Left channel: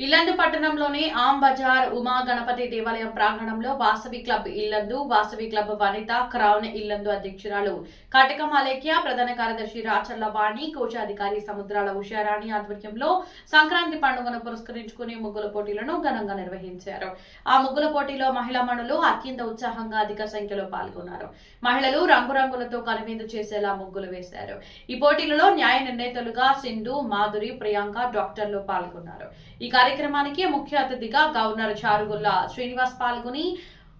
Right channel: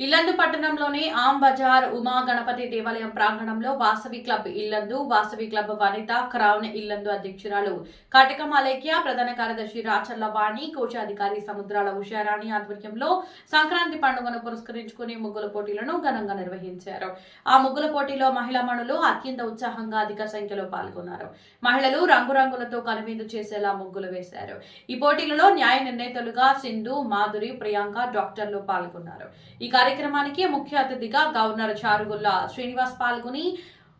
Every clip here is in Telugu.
ఇల్లందు పట్టణంలోని ఆమ్ బజార్ ఉమా గణపతి దేవాలయం ప్రాంగణంలో వాసవి క్లబ్ ఇల్లందు, వాసవి క్లబ్ వనిత క్రౌన్ ఇల్లందు అధ్యక్షురాలు కటకం అలేఖ్య, ప్రధాన కార్యదర్శి రాచర్ల వాణి, కోశాధికారి సముద్రాల ఉషారాణి ఆధ్వర్యంలో సంక్రాంతి పండుగను పురస్కరించుకుని ముగ్గుల పోటీలను ఘనంగా నిర్వహించారు. ఆ ముగ్గుల పోటీలో మహిళా మణులు అత్యంత ఉత్సాహంగా అధిక సంఖ్యలో పాల్గొన్నారు. మహిళలు రంగురంగులతో కనువిందు చేసేలా ముగ్గులు వేశారు. ఈ పోటీలలో న్యాయ నిర్ణేతలుగా సింధు, మాధురి, ప్రియాంక, డాక్టర్లు పాల్గొన్నారు. ఈ కార్యక్రమానికి ముఖ్య అతిథిగా గవర్నర్ చారుగుల్ల శ్రీనివాస్ పాల్గొని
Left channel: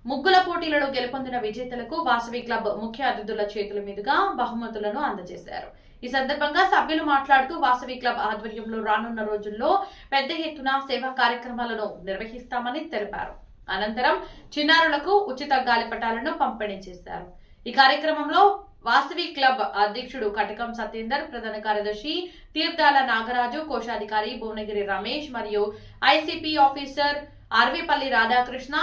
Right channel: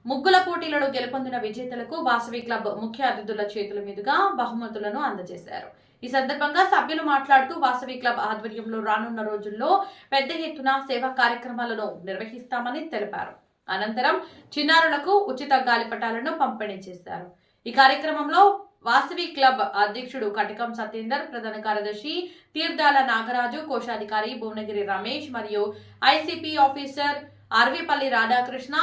ముగ్గుల పోటీలలో గెలుపొందిన విజేతలకు వాసవి క్లబ్ ముఖ్య అతిథుల చేతుల మీదుగా బహుమతులను అందజేశారు. ఈ సందర్భంగా సభ్యులు మాట్లాడుతూ వాసవి క్లబ్ ఆధ్వర్యంలో రానున్న రోజుల్లో పెద్ద ఎత్తున సేవా కార్యక్రమాలను నిర్వహిస్తామని తెలిపారు. అనంతరం చిన్నారులకు ఉచిత గాలిపటాలను పంపిణీ చేశారు. ఈ కార్యక్రమంలో వాసవి క్లబ్ అధ్యక్షుడు కటకం సత్యేందర్, ప్రధాన కార్యదర్శి తీర్థాల నాగరాజు, కోశాధికారి భువనగిరి రమేష్ మరియు ICP officer ఆర్విపల్లి Radhakrishna,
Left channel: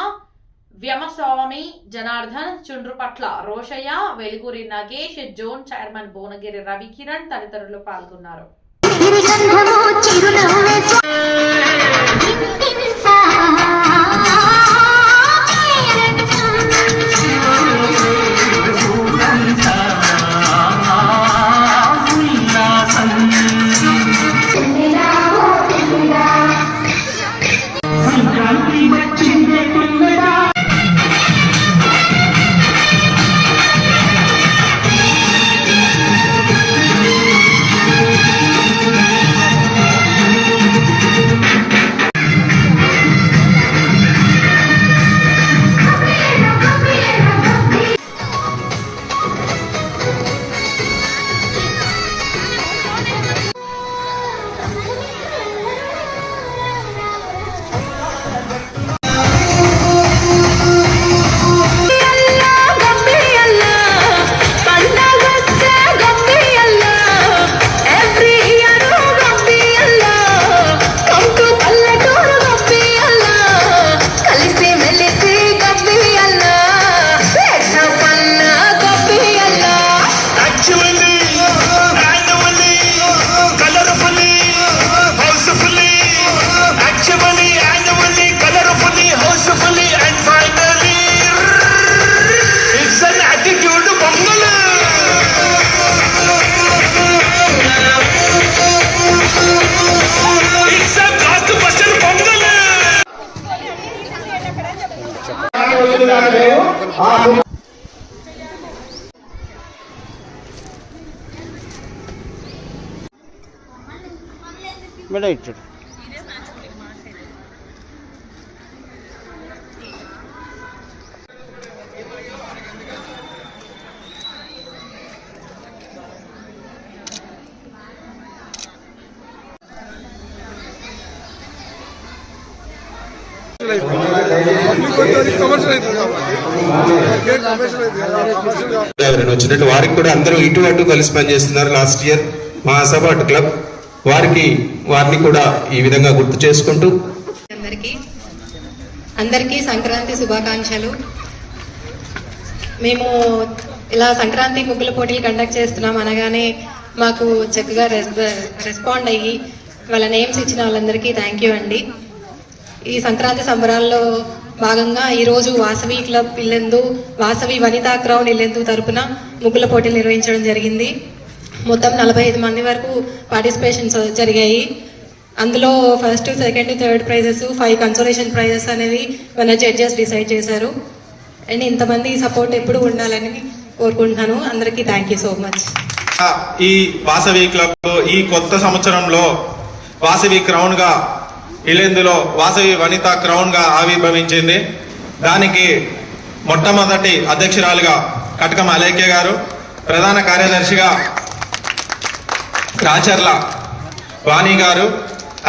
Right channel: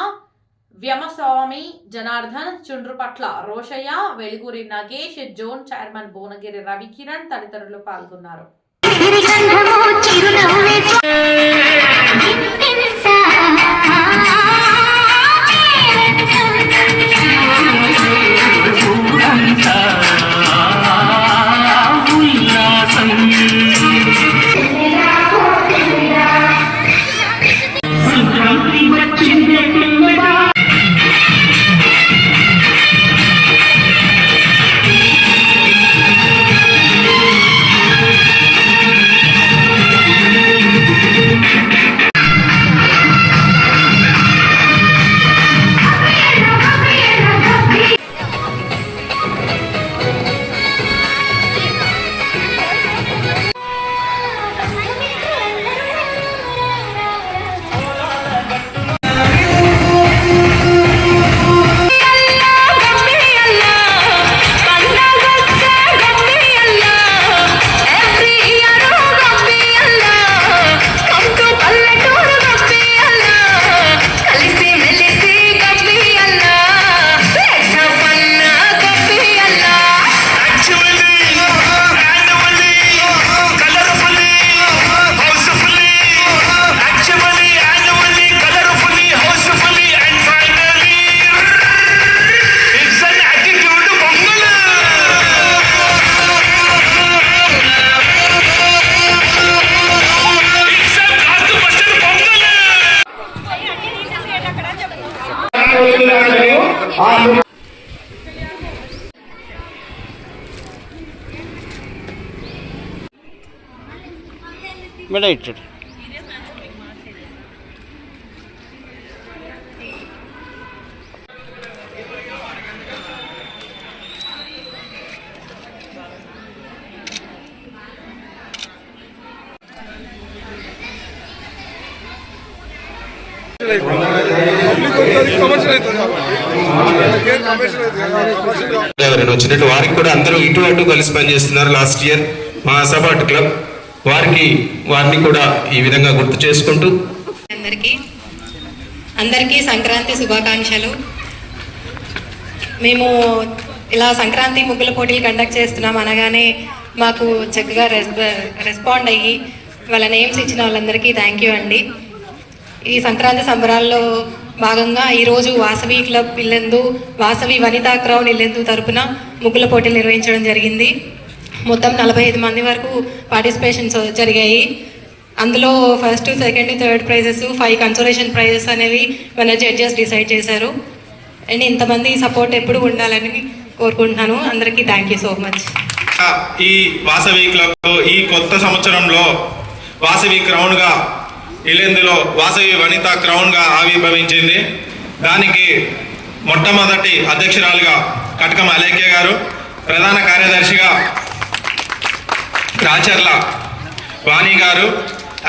వ్యామస్వామి Janardhan, చుండ్రుపట్ల Rosaiah, వెలుగురి Nagesh, zone chairman Bhuvanagiri Ravikiran తదితరులు పాల్గొన్నారు. మేడం ఇచ్చాడు వచ్చినట్టు వారికి కూడా అందరూ ఇటు అటు కలిసి పనిచేస్తున్నారు. లాస్ట్ ఇయర్ మహాసభ క్లబ్ వారిని కూడా ఈ విధంగా గుర్తు చేసుకుంటూ అందరికీ సంక్రాంతి శుభాకాంక్షలు. మేము ఇలా సంక్రాంతి ముగ్గుల పోటీలు కండక్ట్ చేస్తున్నాం అనగానే మాకు చక్కగా రెస్పాండ్ అయ్యి వాళ్ళ నేమ్స్ ఇచ్చిన వాళ్ళందరికీ థ్యాంక్ యూ అండి. ఈ సంక్రాంతి సంబరాల్లో భాగంగా ఈరోజు వాసవి క్లబ్ ఇల్లందు, వాసవి వనితా క్రౌన్ ఇల్లందు తరపున ముగ్గుల పోటీలు నిర్వహించడం జరిగింది. మొత్తం 45 మంది వరకు పార్టిసిపేషన్స్ జరిగాయి. అందులో first, second, third prices, 5 consolation prices అనేవి మన జడ్జెస్ డిసైడ్ చేశారు. అండ్ ఇంతమంది సపోర్ట్ ఎప్పుడు ఉండాలని కోరుకుంటున్నాను. అందరికీ థ్యాంక్ యూ సో మచ్. ఈ వాసవి క్లబ్ ఈ కొత్త సంవత్సరంలో వాసవి క్రౌన్ గా ఇల్లెందులో వాసవి వనిత క్రౌన్ గా ఆవిర్భవించింది. దానికి మొట్టమొదటి అధ్యక్షురాలుగా కటకం అలేఖ్య గారు, ప్రధాన కార్యదర్శిగా రాచర్ల వాణి గారు,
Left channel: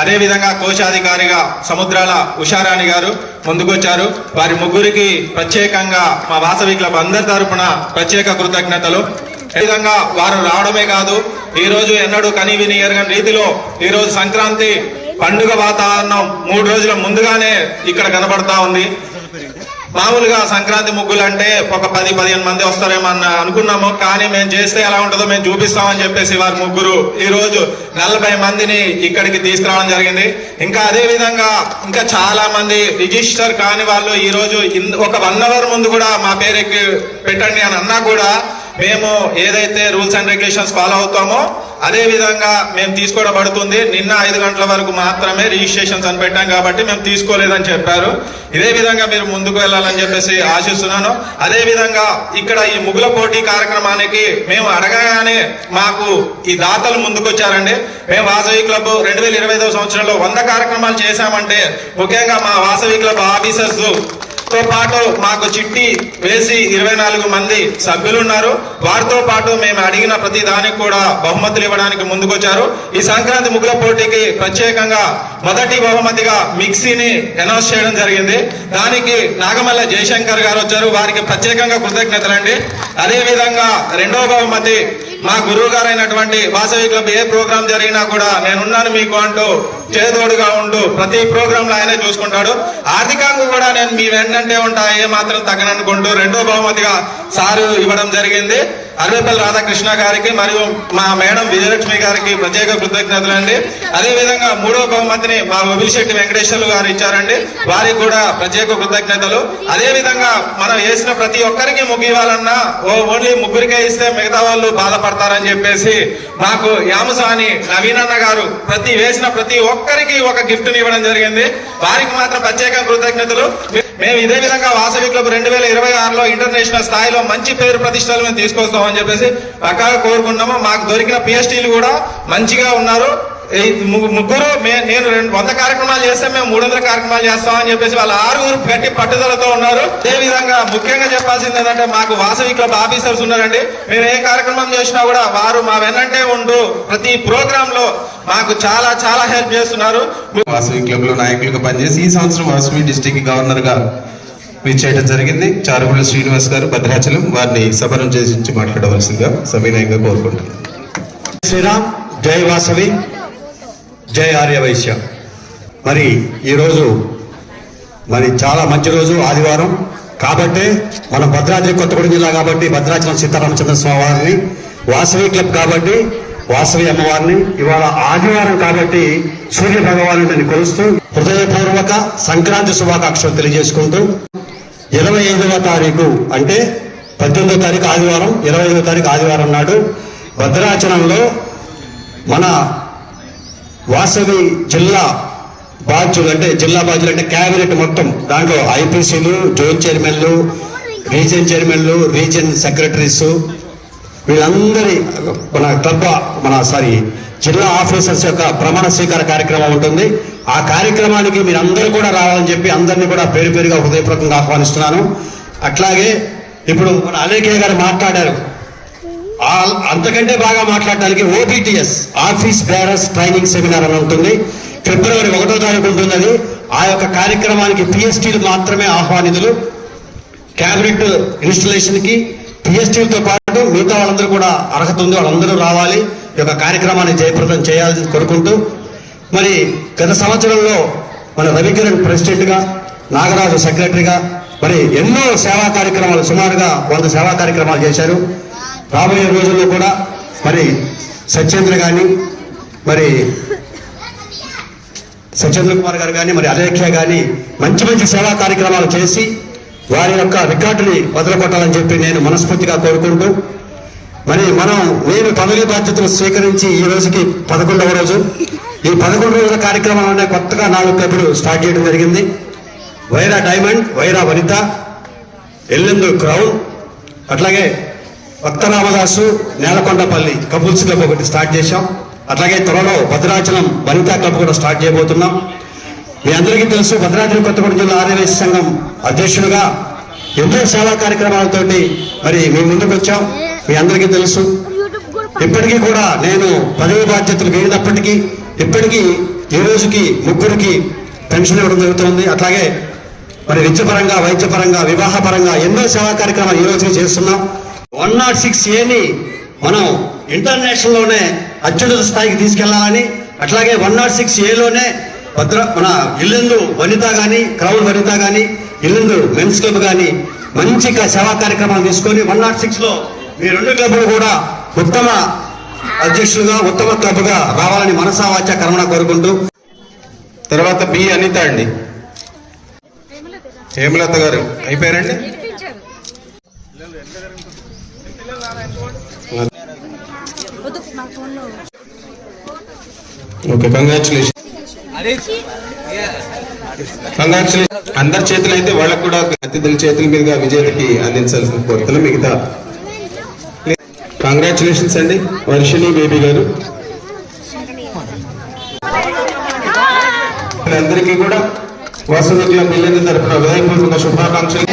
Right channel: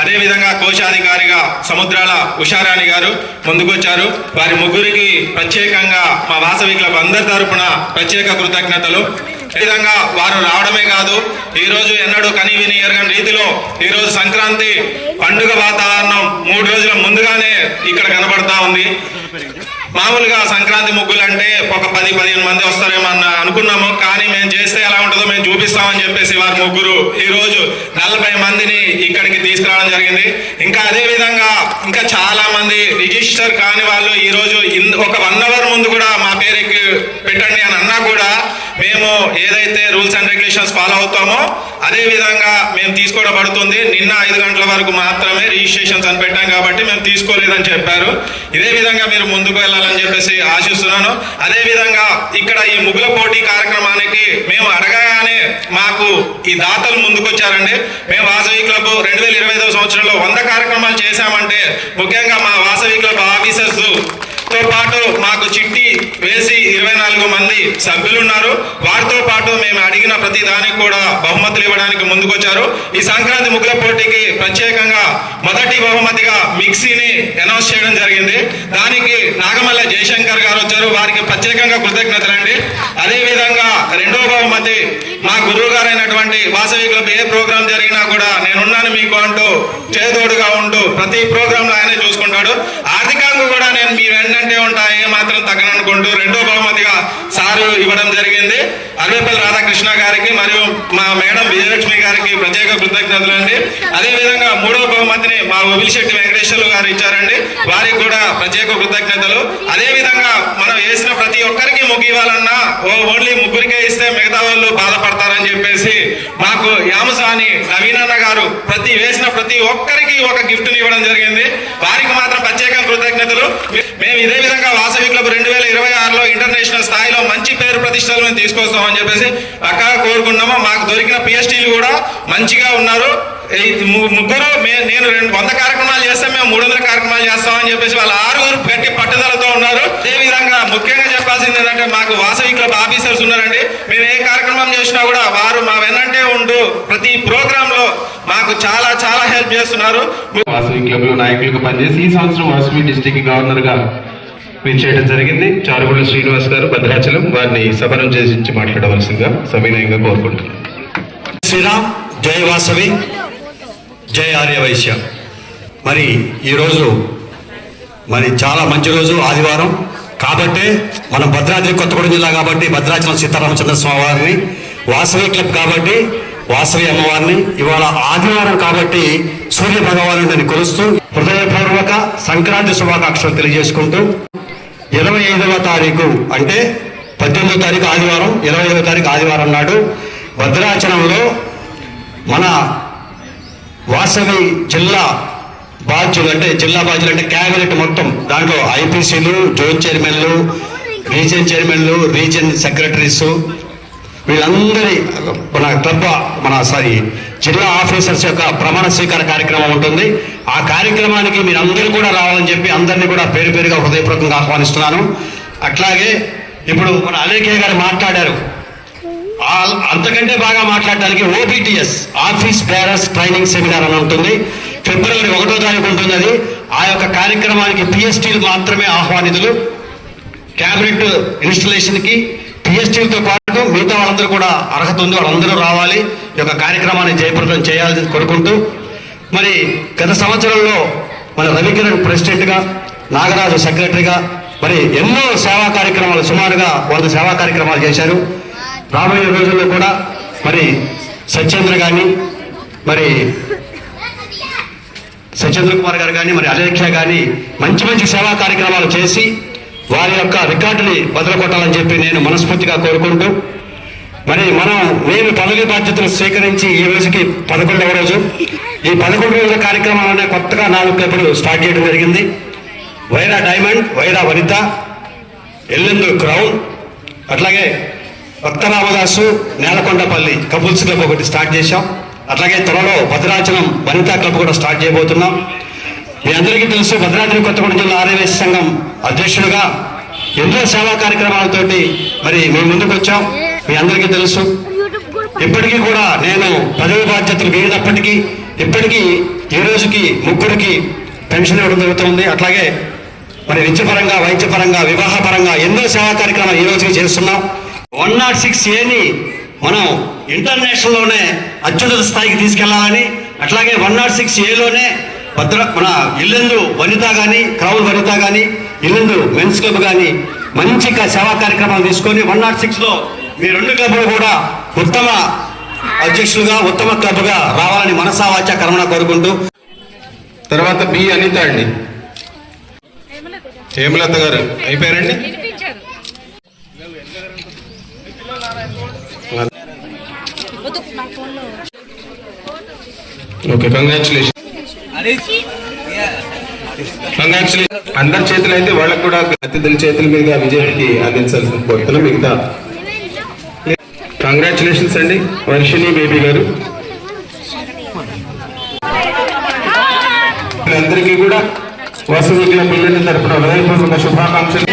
అదేవిధంగా కోశాధికారిగా సముద్రాల ఉషారాణి గారు ముందుకొచ్చారు. వారి ముగ్గురికి ప్రత్యేకంగా మా వాసవి క్లబ్ అందరి తరపున ప్రత్యేక కృతజ్ఞతలు. ఈ విధంగా వారు రావడమే కాదు, ఈ రోజు ఎన్నడూ కని విని ఎరగని రీతిలో ఈ రోజు సంక్రాంతి పండుగ వాతావరణం 3 రోజుల ముందుగానే ఇక్కడ కనబడతా ఉంది. మామూలుగా సంక్రాంతి ముగ్గులు అంటే ఒక 10-15 మంది వస్తారేమో అనుకున్నాము, కానీ మేము చేస్తే ఎలా ఉంటుందో మేము చూపిస్తామని చెప్పేసి వారి ముగ్గురు ఈ రోజు 40 మందిని ఇక్కడికి తీసుకురావడం జరిగింది. ఇంకా అదే విధంగా ఇంకా చాలా మంది రిజిస్టర్ కాని వాళ్ళు ఈ రోజు ఒక 1 అవర్ ముందు కూడా మా పేరుకి పెట్టండి అని అన్నా కూడా మేము ఏదైతే రూల్స్ అండ్ రెగ్యులేషన్స్ ఫాలో అవుతామో అదే విధంగా మేము తీసుకోవడం పడుతుంది. నిన్న 5 గంటల వరకు మాత్రమే రిజిస్ట్రేషన్స్ అని పెట్టాం కాబట్టి మేము తీసుకోలేదని చెప్పారు. ఇదే విధంగా మీరు ముందుకు వెళ్ళాలని చెప్పేసి ఆశిస్తున్నాను. అదే విధంగా ఇక్కడ ఈ ముగ్గుల పోటీ కార్యక్రమానికి మేము అడగగానే మాకు ఈ దాతలు ముందుకొచ్చారండి. మేము వాసవి క్లబ్ 2025వ సంవత్సరంలో 100 కార్యక్రమాలు చేశామంటే ముఖ్యంగా మా వాసవి క్లబ్ ఆఫీసర్స్ తో పాటు మాకు చిట్టి వేసి 24 మంది సభ్యులు ఉన్నారు. వారితో పాటు మేము అడిగిన ప్రతి దానికి కూడా బహుమతులు ఇవ్వడానికి ముందుకొచ్చారు. ఈ సంక్రాంతి ముగ్గుల పోటీకి ప్రత్యేకంగా మొదటి బహుమతిగా మిక్సీని అనౌన్స్ చేయడం జరిగింది. దానికి నాగమల్ల జయశంకర్ గారు వచ్చారు, వారికి ప్రత్యేకంగా కృతజ్ఞతలండి. అదే విధంగా రెండవ బహుమతి మా గురువు గారైనటువంటి వాసవి క్లబ్ ఏ ప్రోగ్రాం జరిగినా కూడా నేనున్నాను మీకు అంటూ చేదోడుగా ఉంటూ ప్రతి ప్రోగ్రామ్ లో ఆయనే చూసుకుంటాడు. ఆర్థికంగా కూడా నేను మీ వెంటనే ఉంటా, ఏ మాత్రం తగ్గననుకుంటూ రెండో బహుమతిగా సారు ఇవ్వడం జరిగింది. అరవేపల్లి రాధాకృష్ణ గారికి మరియు మా మేడం విజయలక్ష్మి గారికి ప్రత్యేక కృతజ్ఞతలు అండి. అదే విధంగా మూడో బహుమతిని మా ఒబిలిశెట్టి వెంకటేశ్వర్లు గారు ఇచ్చారండి, వారికి కూడా ప్రత్యేక కృతజ్ఞతలు. అదే విధంగా మనం వేసిన ప్రతి ఒక్కరికి ముగ్గు ఇవ్వాలన్నా ఓన్లీ ముగ్గురికే ఇస్తే మిగతా వాళ్ళు బాధపడతారని చెప్పేసి మాకు యామసాని నవీనన్న గారు వేసిన ప్రతి ఒక్కరికి ఒక గిఫ్ట్ ఇవ్వడం జరిగింది. వారికి మాత్రం ప్రత్యేక కృతజ్ఞతలు. మేము ఇదే విధంగా వాసవి క్లబ్ 2026లో ఇంటర్నేషనల్ స్థాయిలో మంచి పేరు ప్రతిష్టలు మేము తీసుకొస్తామని చెప్పేసి పక్కాగా కోరుకున్నాము. మాకు దొరికిన పిహెచ్డీలు కూడా మంచిగా ఉన్నారు. ముగ్గురు నేను 100 కార్యక్రమాలు చేస్తే మేము 300 కార్యక్రమాలు చేస్తామని చెప్పేసి వాళ్ళు 6 గట్టి పట్టుదలతో ఉన్నారు. అదే విధంగా ముఖ్యంగా చెప్పాల్సింది ఏంటంటే మాకు వాసవి క్లబ్ ఆఫీసర్స్ ఉన్నారండి. మేము ఏ కార్యక్రమం చేసినా కూడా వారు మా వెనంటే ఉంటూ ప్రతి ప్రోగ్రామ్ లో మాకు చాలా చాలా హెల్ప్ చేస్తున్నారు. వాసవి క్లబ్ లో నాయకులుగా పనిచేసి ఈ సంవత్సరం వాసవి డిస్ట్రిక్ట్ గవర్నర్ గా విచ్చేయడం జరిగింది. చారుగుల శ్రీనివాస్ గారు భద్రాచలం, వారిని సభనం చేసి మాట్లాడవలసిందిగా సవినయంగా కోరుకుంటున్నాను. శ్రీరామ్, జై వాసవి, జై ఆర్యవైశ్య. మరి ఈరోజు మరి చాలా మంచి రోజు, ఆదివారం కాబట్టి మనం భద్రాద్రి కొత్తగూడెం జిల్లా కాబట్టి భద్రాచలం సీతారామచంద్ర స్వామి వారిని, వాసవి క్లబ్ కాబట్టి వాసవి అమ్మవారిని, ఇవాళ ఆదివారం కాబట్టి సూర్య భగవాను కొలుస్తూ హృదయపూర్వక సంక్రాంతి శుభాకాంక్షలు తెలియజేసుకుంటూ 25వ తారీఖు అంటే 18వ తారీఖు ఆదివారం, 25వ తారీఖు ఆదివారం నాడు భద్రాచలంలో మన వాసవి జిల్లా బాధ్యులు అంటే క్యాబినెట్ మొత్తం, దాంట్లో ఐపీసీలు, జోన్ చైర్మన్లు, రీజియన్ చైర్మన్లు, రీజియన్ సెక్రటరీస్, వీళ్ళందరి జిల్లా ఆఫీసర్స్ యొక్క ప్రమాణ స్వీకార కార్యక్రమం ఉంటుంది. ఆ కార్యక్రమానికి మీరందరూ కూడా రావాలని చెప్పి అందరినీ కూడా పేరు పేరుగా హృదయపూర్వకంగా ఆహ్వానిస్తున్నాను. అట్లాగే ఇప్పుడు మన అలేఖ్య గారు మాట్లాడారు, అంతకంటే బాగా మాట్లాడడానికి ఓబిటిఎస్ ఆఫీస్ బేరర్స్ ట్రైనింగ్ సెమినార్ అని ఉంటుంది. ఫిబ్రవరి 1వ తారీఖు ఉంటుంది అది. ఆ యొక్క కార్యక్రమానికి పిఎస్టీలు మాత్రమే ఆహ్వానితులు. క్యాబినెట్ ఇన్స్టలేషన్ కి పిఎస్టీలతో పాటు మిగతా వాళ్ళందరూ కూడా అర్హత ఉంది, వాళ్ళందరూ రావాలి. ఈ యొక్క కార్యక్రమాన్ని జయప్రదం చేయాలని కోరుకుంటూ, మరి గత సంవత్సరంలో మన రవికిరణ్ ప్రెసిడెంట్ గా, నాగరాజు సెక్రటరీగా మరి ఎన్నో సేవా కార్యక్రమాలు, సుమారుగా 100 సేవా కార్యక్రమాలు చేశారు. రాబోయే రోజుల్లో కూడా మరి సత్యేంద్ర గాని, మరి సత్యేంద్ర కుమార్ గారు కానీ, మరి అలేఖ్య కానీ మంచి మంచి సేవా కార్యక్రమాలు చేసి వారి యొక్క రికార్డుని బదులుకొట్టాలని చెప్పి నేను మనస్ఫూర్తిగా కోరుకుంటూ, మరి నేను పదవి బాధ్యతలు స్వీకరించి ఈ రోజుకి 11వ రోజు. ఈ 11 రోజుల కార్యక్రమాలనే కొత్తగా 4 క్లబ్లు స్టార్ట్ చేయడం జరిగింది. వైరా డైమండ్, వైరా వనిత, ఎల్లెందు క్రౌన్, అట్లాగే కొత్త రామదాసు, నేలకొండపల్లి కపుల్స్ క్లబ్ ఒకటి స్టార్ట్ చేశాం. అట్లాగే త్వరలో భద్రాచలం వనితా క్లబ్ కూడా స్టార్ట్ చేయబోతున్నాం. మీ అందరికీ తెలుసు, భద్రాద్రి కొత్తగూడెం జిల్లా ఆర్యవైశ్య సంఘం అధ్యక్షుడిగా ఎన్నో సేవా కార్యక్రమాలతోటి మరి మేము ముందుకు వచ్చాం. మీ అందరికీ తెలుసు, ఇప్పటికీ కూడా నేను పదవి బాధ్యతలు వేడినప్పటికీ ఇప్పటికీ ఈ రోజుకి 3కి పెన్షన్ ఇవ్వడం జరుగుతుంది. అట్లాగే మరి విద్యపరంగా, వైద్యపరంగా, వివాహపరంగా ఎన్నో సేవా కార్యక్రమాలు ఈ రోజుకి చేస్తున్నాం. 106A మనం ఇంటర్నేషనల్ లోనే అత్యున్నత స్థాయికి తీసుకెళ్లాలని, అట్లాగే 106A లోనే మన ఇల్లెందు వనిత గాని, క్రౌన్ వనిత గాని, ఇల్లు మెన్స్ క్లబ్ కానీ మంచి సేవా కార్యక్రమాలు తీసుకొని 106 లో మీ రెండు క్లబ్లు కూడా ఉత్తమ అధ్యక్షులుగా ఉత్తమ క్లబ్గా రావాలని మనసావాచ కర్మణ కోరుకుంటూ. తర్వాత బి అనిత అండి. హేమలత గారు అయిపోయారండి. Okay, congratulation. అందరి చేతులు అయితే వాళ్ళకు కూడా అతిథుల చేతుల మీదుగా విజేతకి అందించాల్సిన కోరుతున్నాం. మిగతా కంగ్రాచులేషన్స్ అండి వర్షిణి బేబీ గారు. అందరికీ కూడా వాసవి క్లబ్ ఇల్లందు తరపున హృదయపూర్వక శుభాకాంక్షలు.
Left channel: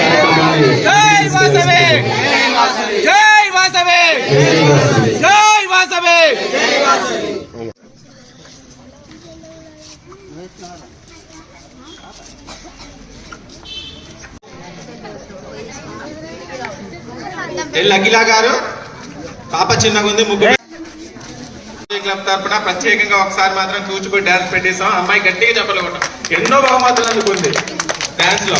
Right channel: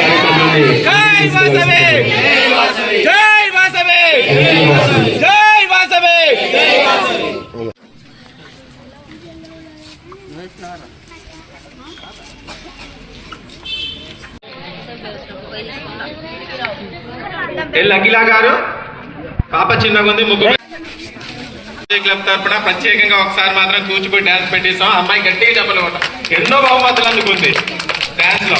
అఖిల గారు పాప చిన్నగా ఉంది. ముగ్గురు క్లబ్ తరఫున ప్రత్యేకంగా ఒకసారి మాత్రం కూచిపూడి డాన్స్ పెట్టేసాం. అమ్మాయి గట్టిగా చెప్పలేకుండా ఎన్నో బహుమతులు అందుకుంది డాన్స్ లో.